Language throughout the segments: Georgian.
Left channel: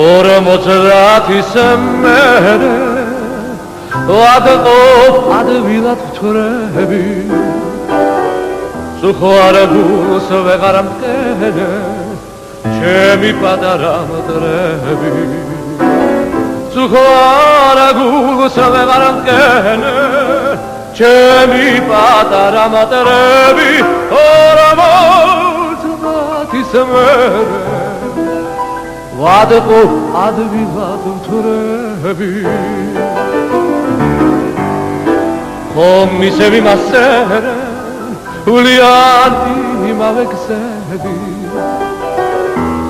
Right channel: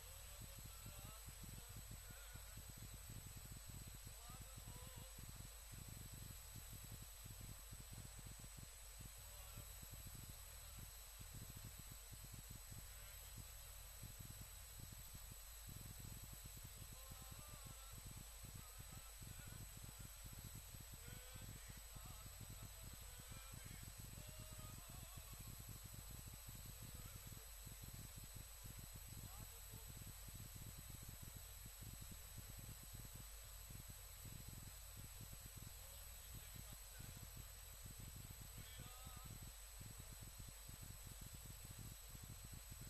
ორმოცდათის მერე ვადყოფ ადვილად ვთვრები სუხარებულს ვეღარ მტკენე ჩემი პატარა მტრები სუხარებულს ვეღარ მტკენე ჩემი პატარა მტრები ორმოცდათის მერე ვადყოფ ადვილად ვთვრები ხომ ისევ იმასერე ვლიანი იმავე გზები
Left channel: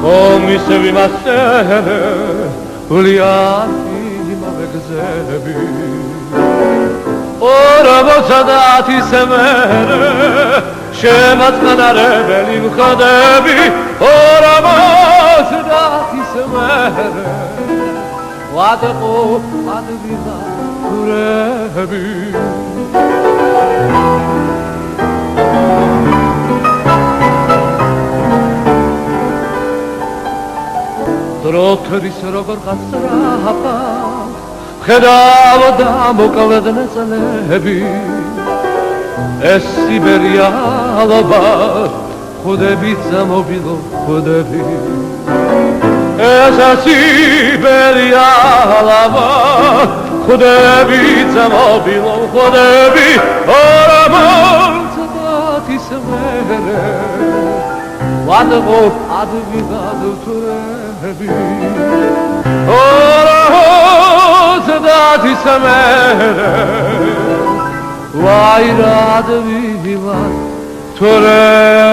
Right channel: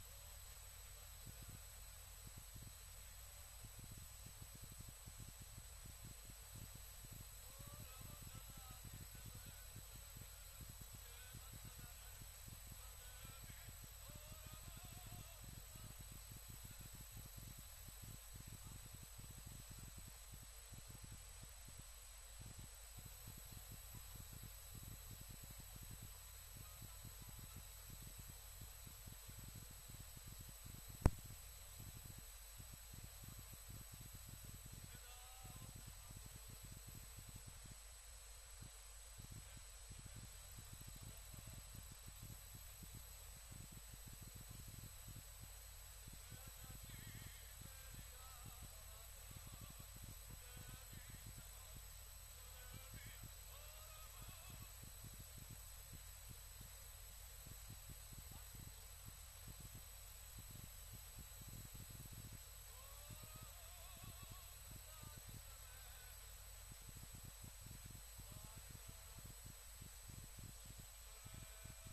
ხომ ისევ იმასერე ვლიანი იმავე გზები ორმოცდათის მერე შემაწყნარებელი ვხდები ორმოცდათის მერე ვადყოფ ადვილად ვთვრები დროთრის როგორ გასწრაფა ხედავ და მოკლედ ნაწლები ეს სიბერია ალბათ ხუდები წამობილო ხუდები ეს სიბერია ალბათ ხუდები წამობილო ხუდები ორმოცდათის მერე ვადყოფ ადვილად ვთვრები ორმოცდათის მერე ვაირად ვიღალ თორები